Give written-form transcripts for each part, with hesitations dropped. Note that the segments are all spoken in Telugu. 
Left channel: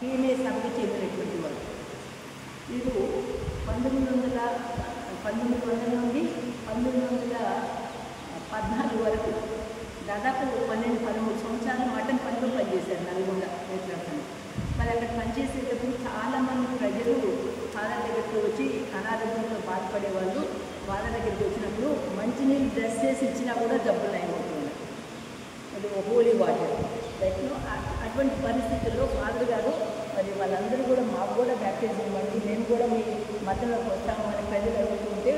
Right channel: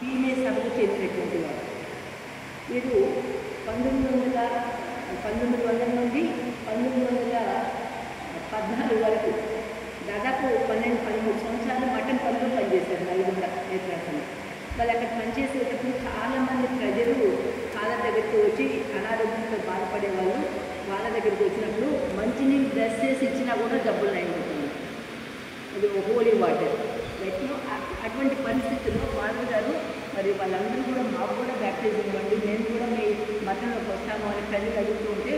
పీనే సభకు చెందినటువంటి వాడు. వీడు 1900 నుండి 1914 వరకు దాదాపు 12-13 సంవత్సరాలు మటన్ పనిలో పనిచేశారు నల్గొండ నేత్రాసనం. వాళ్ళు అక్కడ పనిచేసేటప్పుడు చాలామంది ప్రజలు వాళ్ళ దగ్గరికి వచ్చి అనారోగ్యంతో బాధపడే వాళ్ళు వాళ్ళ దగ్గరికి వచ్చినప్పుడు మంచినీళ్ళు డ్రెస్ చేసి ఇచ్చినా కూడా డబ్బులు నయమవుతుంది. అది హోలీ వాటర్ బయటలో. అటువంటి పరిస్థితుల్లో ఫాదర్ గారు మరి వాళ్ళందరూ కూడా మాకు కూడా బ్యాప్టిజం ఇవ్వండి, మేము కూడా మీ మతంలోకి వస్తాము అని ప్రజలు అడుగుతుంటే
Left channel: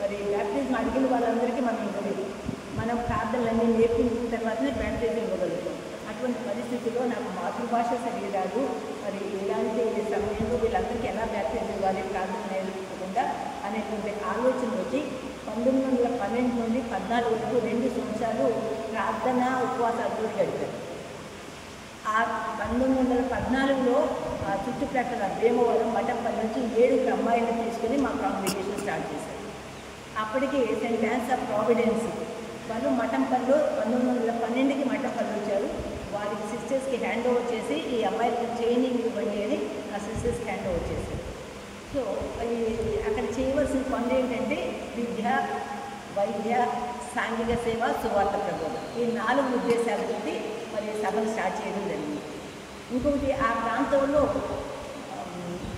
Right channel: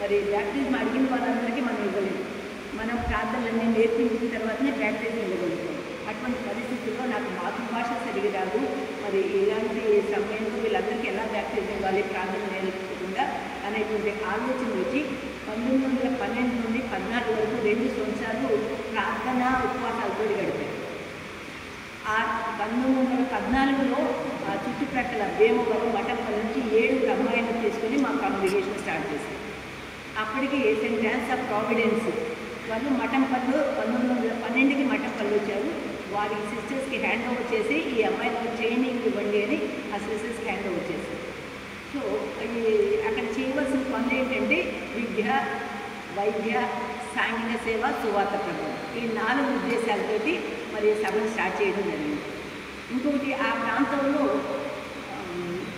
మరి బ్యాప్టిజం అడిగిన వాళ్ళందరికీ మనం ఇవ్వలేదు. మనం ప్రార్థనలన్నీ నేర్పించిన తర్వాతనే బ్యాప్టిజం ఇవ్వగలుగుతాం. అటువంటి పరిస్థితుల్లో నాకు మాతృభాష సరిగి రాదు, మరి ఇలాంటి సమయంలో వీళ్ళందరికీ ఎలా బ్యాప్టిజం ఇవ్వాలి ప్రార్థన నేర్పించకుండా అనేటువంటి ఆలోచన వచ్చి 1912 నుండి 14 వరకు 2 సంవత్సరాలు ప్రార్థన ఉపవాసాలతో గడిపారు. ఆ 1914లో ఆ చుట్టుప్రక్కల భీమవరం మఠంపల్లి నుంచి 7 అమ్మాయిలను తీసుకుని మా కాంగ్రిగేషన్ స్టార్ట్ చేశారు. అప్పటికి సెయింట్ యాన్స్ ఆఫ్ ప్రావిడెన్స్ వాళ్ళు మఠంపల్లి 1912కి మఠంపల్లి వచ్చారు. వారికి సిస్టర్స్కి హ్యాండ్ ఓవర్ చేసి ఈ అమ్మాయిలకు ట్రైనింగ్ ఇవ్వండి అని ఆ సిస్టర్స్కి హ్యాండ్ ఓవర్ చేశారు. సో అక్కడ చేయవలసిన పనులు ఏంటంటే విద్య, వైద్య, సాంఘిక సేవ, సువార్త ప్రబోధన, ఈ 4 ఉద్దేశాలతోటి మరి సభను స్టార్ట్ చేయడం జరిగింది. ఇంకొకటి ఆ ప్రాంతంలో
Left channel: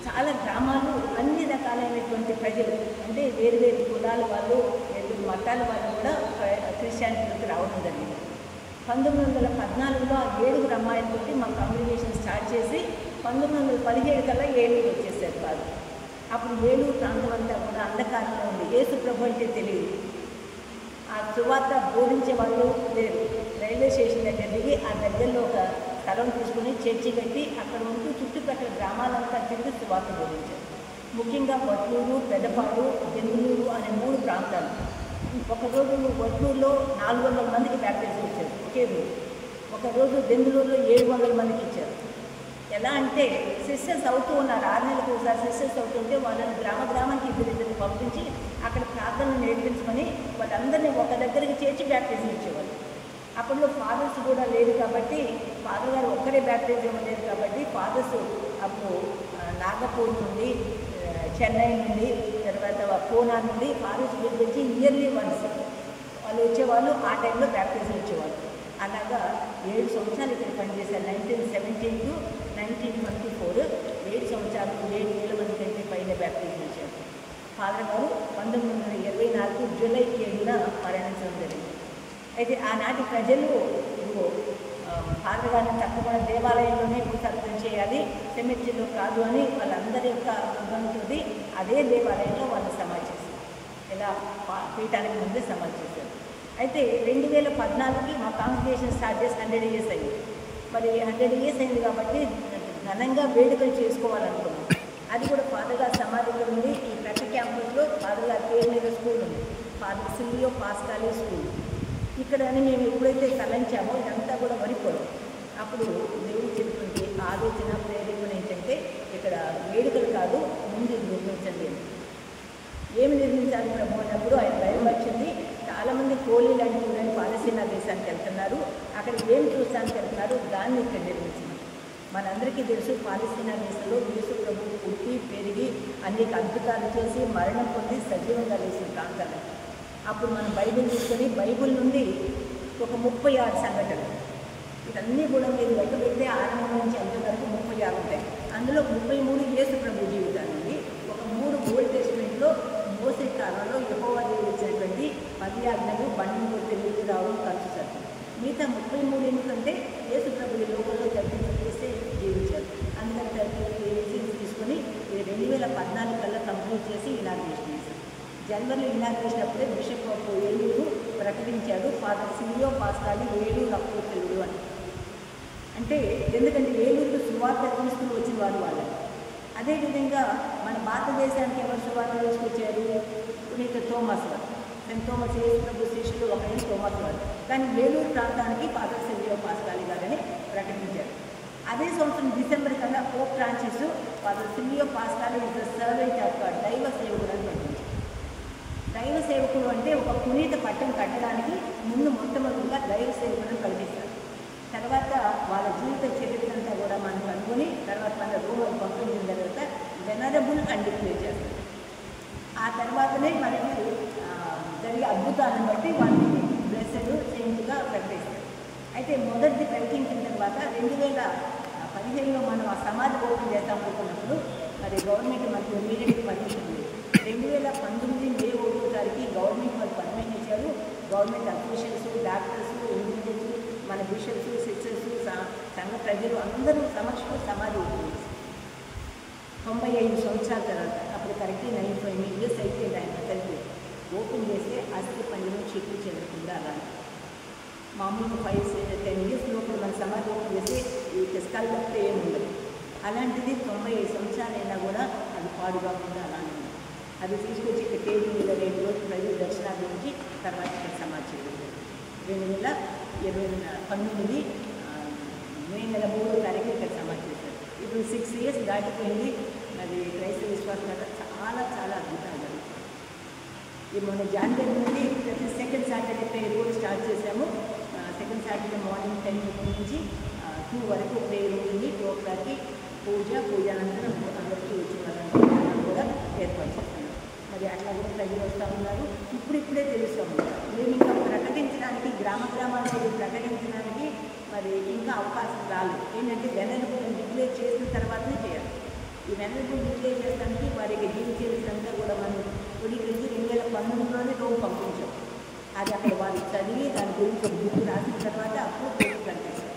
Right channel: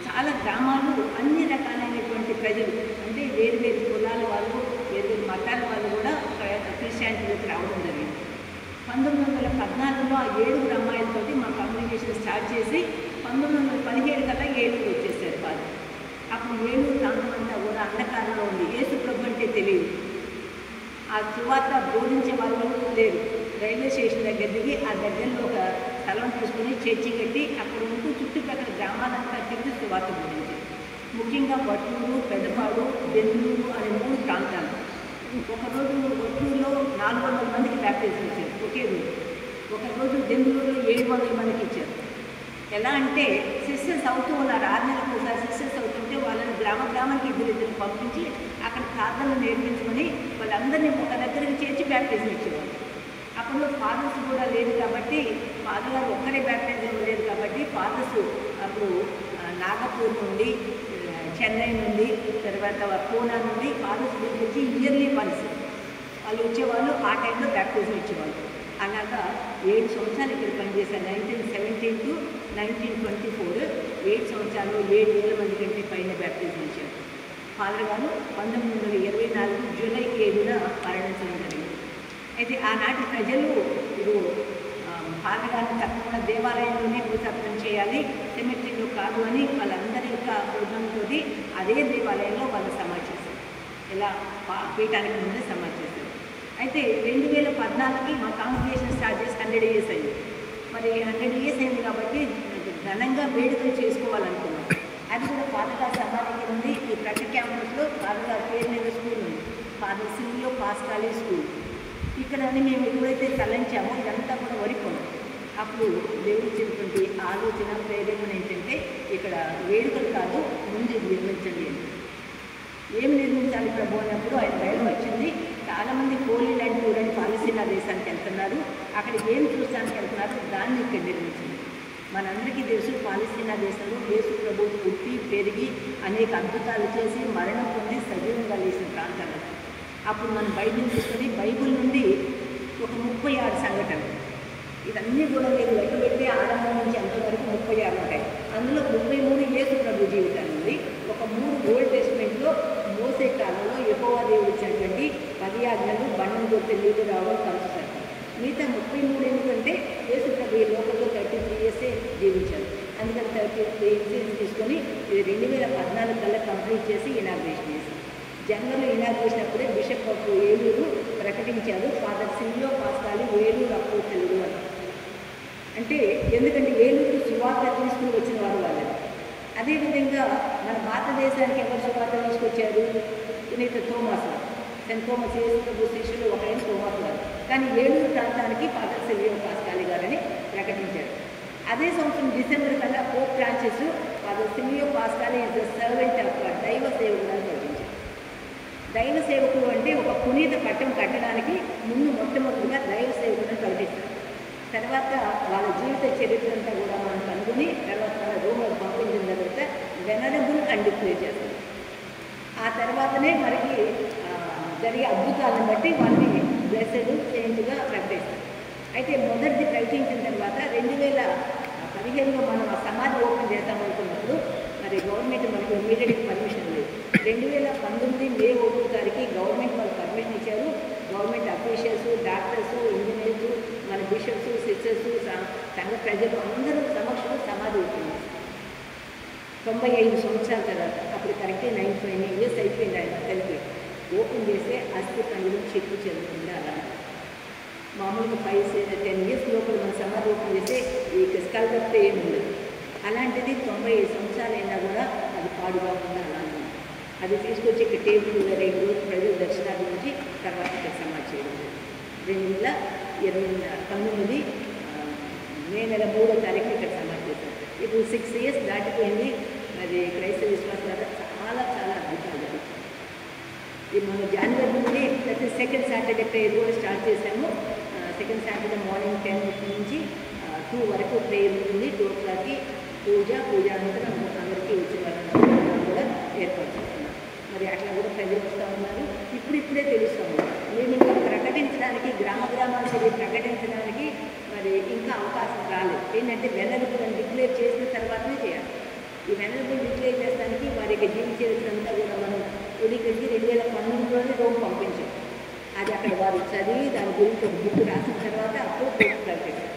చాలా గ్రామాలు అన్ని రకాలైనటువంటి ప్రజలు అంటే వేరు వేరు కులాల వాళ్ళు, వేరు వేరు మతాల వాళ్ళు కూడా క్రిస్టియానిటీలోకి రావడం జరిగింది. 1914లో ఆ 7 అమ్మాయిలతోటి మా కమ్యూనికేషన్ స్టార్ట్ చేసి 1917 కల్లా ఏలూరు వచ్చేసారు ఫాదర్. అప్పుడు ఏలూరు ప్రాంతం అంతా కూడా అంధకారంలో ఉంది. యేసు ప్రభు అంటే తెలియదు. ఆ సువార్త బోధించే వాళ్ళు లేరు. రైల్వే స్టేషన్ దగ్గర దిగి ఆ దగ్గరలో ఒక స్థలం తీసుకుని చర్చి కట్టి అక్కడ ఉంటూ చుట్టుప్రక్కల గ్రామాలంతా తిరిగి సువార్త బోధించారు. ముఖ్యంగా వట్లూరు, పెద్దపాడు, బెంగళూరు అనే 3 ప్రాంతాలు. ఒకరోజు వట్లూరులో 400 మందికి బ్యాప్టిజం ఇచ్చారు ఒకే రోజు. ఒకరోజు బెంగళూరులో 700 మందికి ఇచ్చారు. ఎలా అంటే సిస్టర్స్ అవుతూ ఉన్నారు, 6 నెలలకు ఒకసారి సిస్టర్స్ అవుతుంటే వాళ్ళని గ్రామానికి 2 పంపించి అక్కడ ప్రార్థనలు నేర్పించమని వాళ్ళందరినీ ఒక దగ్గరికి చేర్చి బ్యాప్టిజం ఇచ్చేవాళ్ళు. అప్పట్లో ఫాదర్స్ కూడా లేదు కాబట్టి ఫాదర్ గారు ఒక్కరే బ్యాప్టిజం ఇవ్వలేదు కాబట్టి ఫాదర్స్ అప్పుడు నాగపూర్ నుండి, చెన్నై నుండి, తర్వాత పూనా నుండి ఫాదర్స్ పిలిపించి ఇయర్లీ వన్స్ వాళ్ళు వచ్చేవాళ్ళు. ఆ టైంలో బ్యాప్టిజం ఇచ్చేవాళ్ళు. అలాగా 7 సంవత్సరాలు ఇక్కడ పనిచేశారు. 1917 to 1924 7 సంవత్సరాలు 7,000 మంది కంటే పైన బ్యాప్టిజం ఇచ్చారు. ఫాదర్ గారు 1924 జూలై 7న మరణించడం జరిగింది. అయితే ఆనాటి ప్రజలు ఫాదర్ గారిని తప్పకుండా దేవాలయంలోనే భూతర్పణ చేయాలి, సెమిట్రీలో కాదు అని వాళ్ళందరి యొక్క ప్రోగ్రాంతో అదే దేవాలయంలో వాళ్ళు సమాధి చేశారు. ఇలా పీఠానికి ముందే సమాధి చేశారు. అయితే 2014కి మా కాంగ్రిగేషన్ స్టార్ట్ చేసి 100 years అయింది. మరి 100 years అయింది కాబట్టి ఘనంగా వేడుకలు చేసుకోవాలనుకున్నాం. అది కూడా ఫాదర్ గారి సమాధి ఉంది. ఈ ప్రతి క్యాంపస్లో ఫాదర్ గారి పేరు మీద స్కూల్ ఉంది, ఫాదర్ సిమియో పాస్కాలీ స్కూల్. ఇక్కడ మేము ఎప్పుడైతే తలంచామో ఇదంతా కూడా వరిపోదు. అప్పుడు దేవుడు చెప్పినటువంటి ఆలోచన ప్రేరేపణ ఏంటంటే ఇక్కడ వేడుకలు కాదు, ముందు నిర్మించండి అని. ఏమి నిర్మించాలి ప్రభు అన్నప్పుడు ఆయన బయలు వచ్చింది. చాలామంది హోలీ ల్యాండ్ టూర్ అని పాలస్తీనా దేశానికి వెళ్తున్నారు, అక్కడ ఏం చూస్తానికి వెళ్తున్నారు, దాన్ని ఇక్కడ నిర్మించింది. మనందరికీ తెలుసు పాలస్తీనా దేశంలో యేసు ప్రభు పుట్టి పెరిగి అనేక అద్భుతాలు చేసి మరణం పొంది సజీవంగా లేచిన ప్రాంతాలు. అప్పుడు మనం బైబిల్ తీసుకొని బైబిల్ నుండి ఒక 36 సంఘటనలు, ఇవన్నీ కూడా మీరు లెక్క పెడితే ఆరంభం నుంచి అంతవరకు 36 ఉంటాయి. అందులో 33 యేసు ప్రభు జీవితాలు ఉంది. ఒక 3 ఓల్డ్ టెస్ట్మెంట్లో మోసే కాలంలో యెహోవా దేవుడు ఇచ్చినటువంటి 10 ఆజ్ఞలు, బండం కొడితే నీళ్ళు రావడం కలుస్తారు. మిగతా 33 ఎందుకంటే యేసు ప్రభు ఈ లోకంలో 33 years జీవించారు. అందుకని 33 years తీసుకొని ఇది 2014 కల్లా కంప్లీట్ చేసి ఇనాగ్రేషన్ చేశారు. జనవరిలో ఇనాగ్రేషన్ అప్పుడే బిషప్ ఆఫ్ ఏలూరు ప్రకటించారు ఫాదర్ సిమియో పాస్కాలీ ఏలూరు అపోస్తలుడు అని. అంటే ఎందుకంటే ఏలూరు సువార్త తీసుకుని వచ్చిన వారు వాళ్ళని. అదేవిధంగా మన భారతదేశానికి ఎవరు సువార్త తీసుకొచ్చారు? పునీత థోమస్ గారు, సెయింట్ థోమస్ యేసు ప్రభు శిష్యులు ఒకరైన థోమస్ గారు. కానీ ఏలూరు ప్రాంతానికి ఫాదర్ సిమియో పాస్కాలీ గారని ప్రకటించారు. అదే సంవత్సరం డిసెంబర్ కల్లా Pope Francis father Simeo Pascali is the servant of God, దైవ సేవకుడు అని ప్రకటించారు. దైవ సేవకుడు అంటే ఒక పునీత పట్టం కట్టడానికి ముందు మొట్టమొదటిగా దైవ సేవకులను కల్పిస్తారు. తర్వాత వాళ్ళ జీవిత చరిత్ర అంతా కూడా మనం కనుగొని తర్వాత మన వెనరబుల్ అని డిక్లేర్ చేస్తారు. ఆ తర్వాతనే మనకి జరిగే అద్భుతాలను బట్టి వాళ్ళని బ్లెస్సెడ్ సెయింట్గా ప్రకటిస్తారు. అయితే మొదటిది ప్రకటించిన తర్వాత 2015లో మనం ఆ సమాధి ఓపెన్ చేద్దామనుకున్నప్పుడు మరి గవర్నమెంట్ మనకు ఇమీడియట్ పర్మిషన్ లేదు. 2019 మే 1 తారీఖు గవర్నమెంట్ వాళ్ళు పర్మిషన్ ఇచ్చారు. గవర్నమెంట్ అఫీషియల్స్, డాక్టర్స్, ఇంజనీర్స్, మన బిషప్స్, సిస్టర్స్, సంఘ ప్రజలు అందరూ సమక్షంలో సమాధి ఓపెన్ చేశారు. 95 సంవత్సరాల తర్వాత అప్పుడు కరెక్ట్గా 95 years అయిపోయింది ఆయన కలిపి ఓపెన్ చేస్తే అస్థి పండుగ చెక్కు చెందుతుంది. అలా మామూలుగా 5-10 years లోపల మన సమాధి ఓపెన్ చేస్తే ఈ స్కల్ తప్పితే ఏమి ఉండదు. అలాంటిది 95 సంవత్సరాలైనా కూడా అది పాడుగా ఉంది. అలాంటి అది తీసుకొచ్చి ఇక్కడ టేబుల్ 2 రోజులు ప్రజలు దర్శనాల నుంచి తర్వాత ఇక్కడ సమాధి చేయడం 2019 మే 3వ తారీఖు ఇక్కడ సమాధి చేశారు. ఇప్పుడు 6 years దాటిపోయింది. మరి క్రైస్తవ విశ్వాసం చాలా చాలా అద్భుతాలు జరుగుతాయి. ఇది మన జనవరి నుండి ప్రతి సెకండ్ సాటర్డే ప్రేయర్ కూడా స్టార్ట్ చేశాము. సెకండ్ సాటర్డే మార్నింగ్ 10 నుంచి 2 వరకు ప్రేయర్ ఉంటుంది. 2 o'clockకి పూజ అనంతరం అందరికీ వచ్చే పనులు కూడా ఏర్పాటు చేస్తున్నాం. మరి అట్లా కూడా ప్రజలు వస్తూ ఉన్నారు. ఇప్పుడిప్పుడే తెలుస్తూ ఉన్నారు. మేము ఇంకా ప్రకటించడానికి గ్రామాలు ప్రకటించడానికి మరి ఇంకా అవకాశం రాలేదు. ఏంటంటే వెనరబుల్ డిక్లేర్ చేసిన తర్వాతనే చేయాలి. ఈ వెనరబుల్ డిక్లేర్ చేసడానికి వారి యొక్క జీవిత చరిత్ర అంతా కూడా మనం క్రోడీకరించి 2019లోనే రోమ్ పంపించాం. అది అక్కడ వారు చదివి దాని గురించి ఒక బుక్ రాసిన తర్వాత అప్పుడు కోర్టు ప్రకటించారు.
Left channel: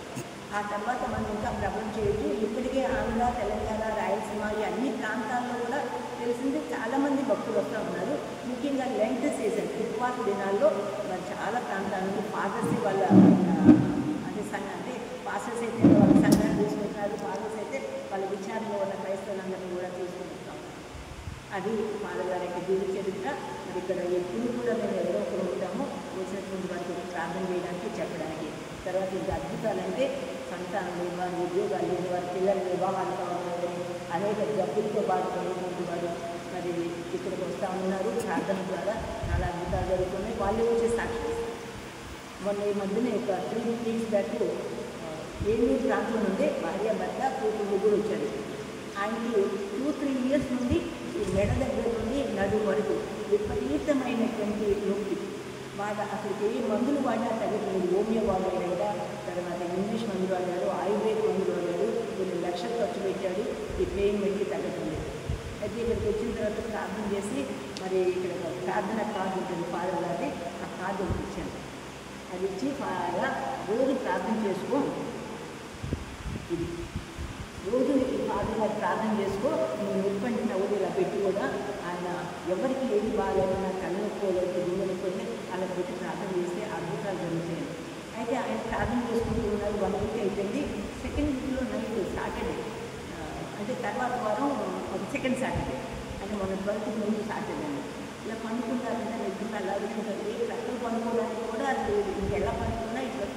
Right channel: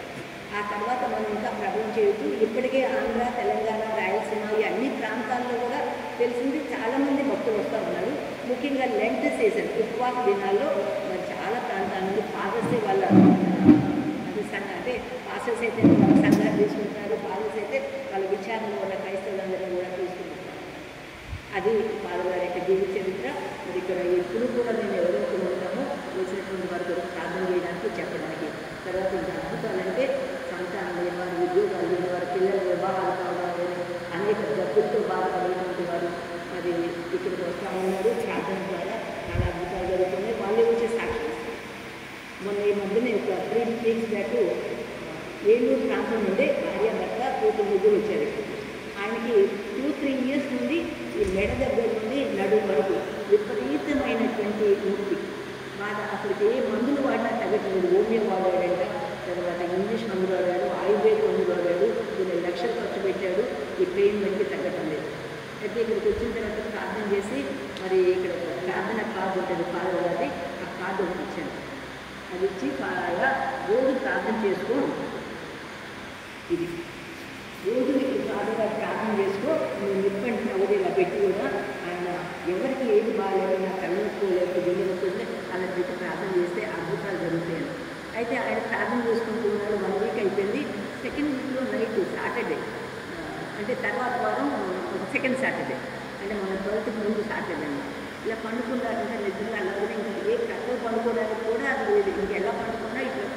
ఆ తర్వాత మనం ఇంకా ప్రబలం చేయొచ్చు. ఇప్పటికే ఆంధ్ర, తెలంగాణ, రాయలసీమ ఈ అన్ని ప్రాంతాల్లో కూడా తెలిసింది చాలామంది భక్తులు వస్తూ ఉన్నారు. ముఖ్యంగా లెంట్ సీజన్ ఉపవాస దినాల్లో మరి చాలా ప్రాంతాల నుండి ఫాదర్స్ వాళ్ళ అంటే పాస్టర్స్ అయితే వాళ్ళ సంఘాలు తీసుకుంటారు. ఫాదర్స్ అయితే వాళ్ళ విచారణలో ఉన్న క్రైస్తవులందరూ కూడా తీసుకుంటారు. అది వాళ్ళ యొక్క జీవిత చరిత్ర. ఇక్కడ ఎప్పుడు కూడా మేము ఎవరో ఉంటామో వచ్చినటువంటి వారికి ప్రార్థన చేయడానికి చెప్పడానికి. తర్వాత ఇంకా అద్భుతాలంటే సంతానం లేని వారు, ఉద్యోగాలు లేని వారు, పిల్లల వివాహాలు కావాలి, అనేక జబ్బులతో బాధపడినటువంటి వారు మరి ఇక్కడికి వస్తూ ఉన్నారు. ప్రార్థన ద్వారా చాలా అద్భుతాలు జరుగుతున్నాయి. వాళ్ళే వచ్చే సాక్షి. మొన్న ఈ మధ్యన ఒక 3 weeks బ్యాక్ ఏలూరు ప్రాంతం నుండి భార్య భర్త ముగ్గురు వచ్చారు. ఆయనకి 2-3 years నుండి ఈ మెడ దగ్గర నుండి నడుము వరకు విపరీతమైనటువంటి నొప్పి బాధ. అసలుకి ఏ మందులు వాడినా తగ్గట్లేదు. హోమియో వాడాడంట, తర్వాత ఇంగ్లీష్ మందులు వాడాడు, ఆయుర్వేద మందులు వాడాడు, 2 లక్షలు ఖర్చు పెట్టాడు. ఈ పెయిన్ పెట్టి తగ్గటం లేదు. అయితే ఇక్కడికి వచ్చిన తర్వాత ప్రార్థన చేసి మరి ఇక్కడ ఒక ప్రార్థన కార్డు ఉంటుంది ఫాదర్ గారి, ఆ కార్డు ఒకటి ఇచ్చాను. అది ఇచ్చి బాగా రోజు ప్రార్థన చేసుకో, ఇది రోజు నీకు బాగా ప్రార్థన చేసుకో, నువ్వు నిప్పంటి నవ్వులు ఇలా పెట్టి కూడా ఆయన ఎవరికి ఏది బాగాలేదన్నా కళ్ళనొప్పుకోలేదు, గుండెనొప్పుకోలేదు అలా పెట్టి ప్రార్థన చేస్తే అద్భుతాలు జరుగుతాయి. అయితే ఆయన ప్రార్థన చేసుకుంటూ ఉన్నారు. 1 week అయిపోయింది. సెకండ్ వీక్లో నైట్ సాటర్డే అంటే తర్వాత వారం సెకండ్ సాటర్డే అంటే మన 12th ముందు సాటర్డే అండి. ఇలా పండుకున్నారు. నిజంగా అలాగే ఇంకా ఏ కట్టలు పండుకోవడానికి కూడా అది లేదు. ఇంకెలా పండుకున్నా ఇట్లా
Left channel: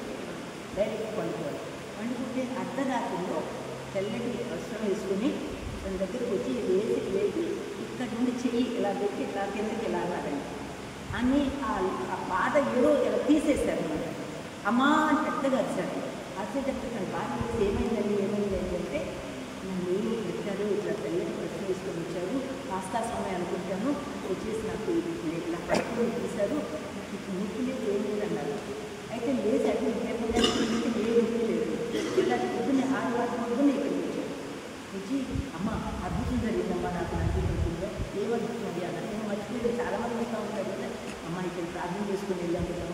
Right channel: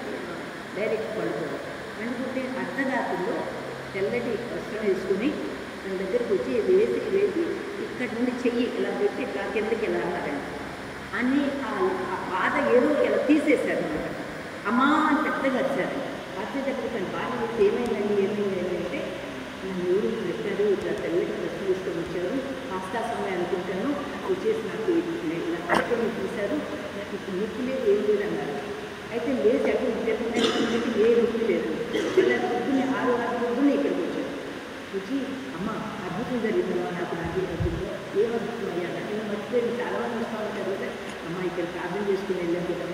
డైరెక్ట్ పండుకోవాలి. అనుకుంటే అర్ధరాత్రిలో తెల్లటి వస్త్రం వేసుకుని తన దగ్గరికి వచ్చి వేసి ఇక్కడి నుండి చెయ్యి ఇలా పెట్టి ఇట్లా కిందకి ఇలా అన్నారండి. అన్నీ ఆ బాధ ఏదో ఇలా తీసేస్తారు అనమాట. అమ్మా అని పెద్దగా వచ్చారు. వచ్చేటప్పుడు తన బాధ ఏమైందండి అంటే మీరు చెప్పారు ఇట్లా తెల్లటి వస్త్రం వేసుకొని వచ్చారు, పాస్తా సమయం అనుకుంటాను, వచ్చేసి నాకు ఇలా కట్టుకొని తీశారు, నాకు ఇప్పుడు నొప్పి లేదు ఏం లేదు అన్నారు. అయితే లేదు చెప్పండి ఏ నొప్పి లేదు. ఇలా పొద్దున్న 6 పొద్దున్న ఇక్కడికి వచ్చారు. వచ్చి అమ్మ అద్భుతం జరిగిందమ్మా, నాకు అద్భుతంగా ఏమద్భుతం అయ్యాలి నేను మర్చిపోయింది. చాలా మంది ఉంటారు కదా అమ్మ ఇక్కడ ప్రార్థన చేసుకుని వెళ్ళాను కదా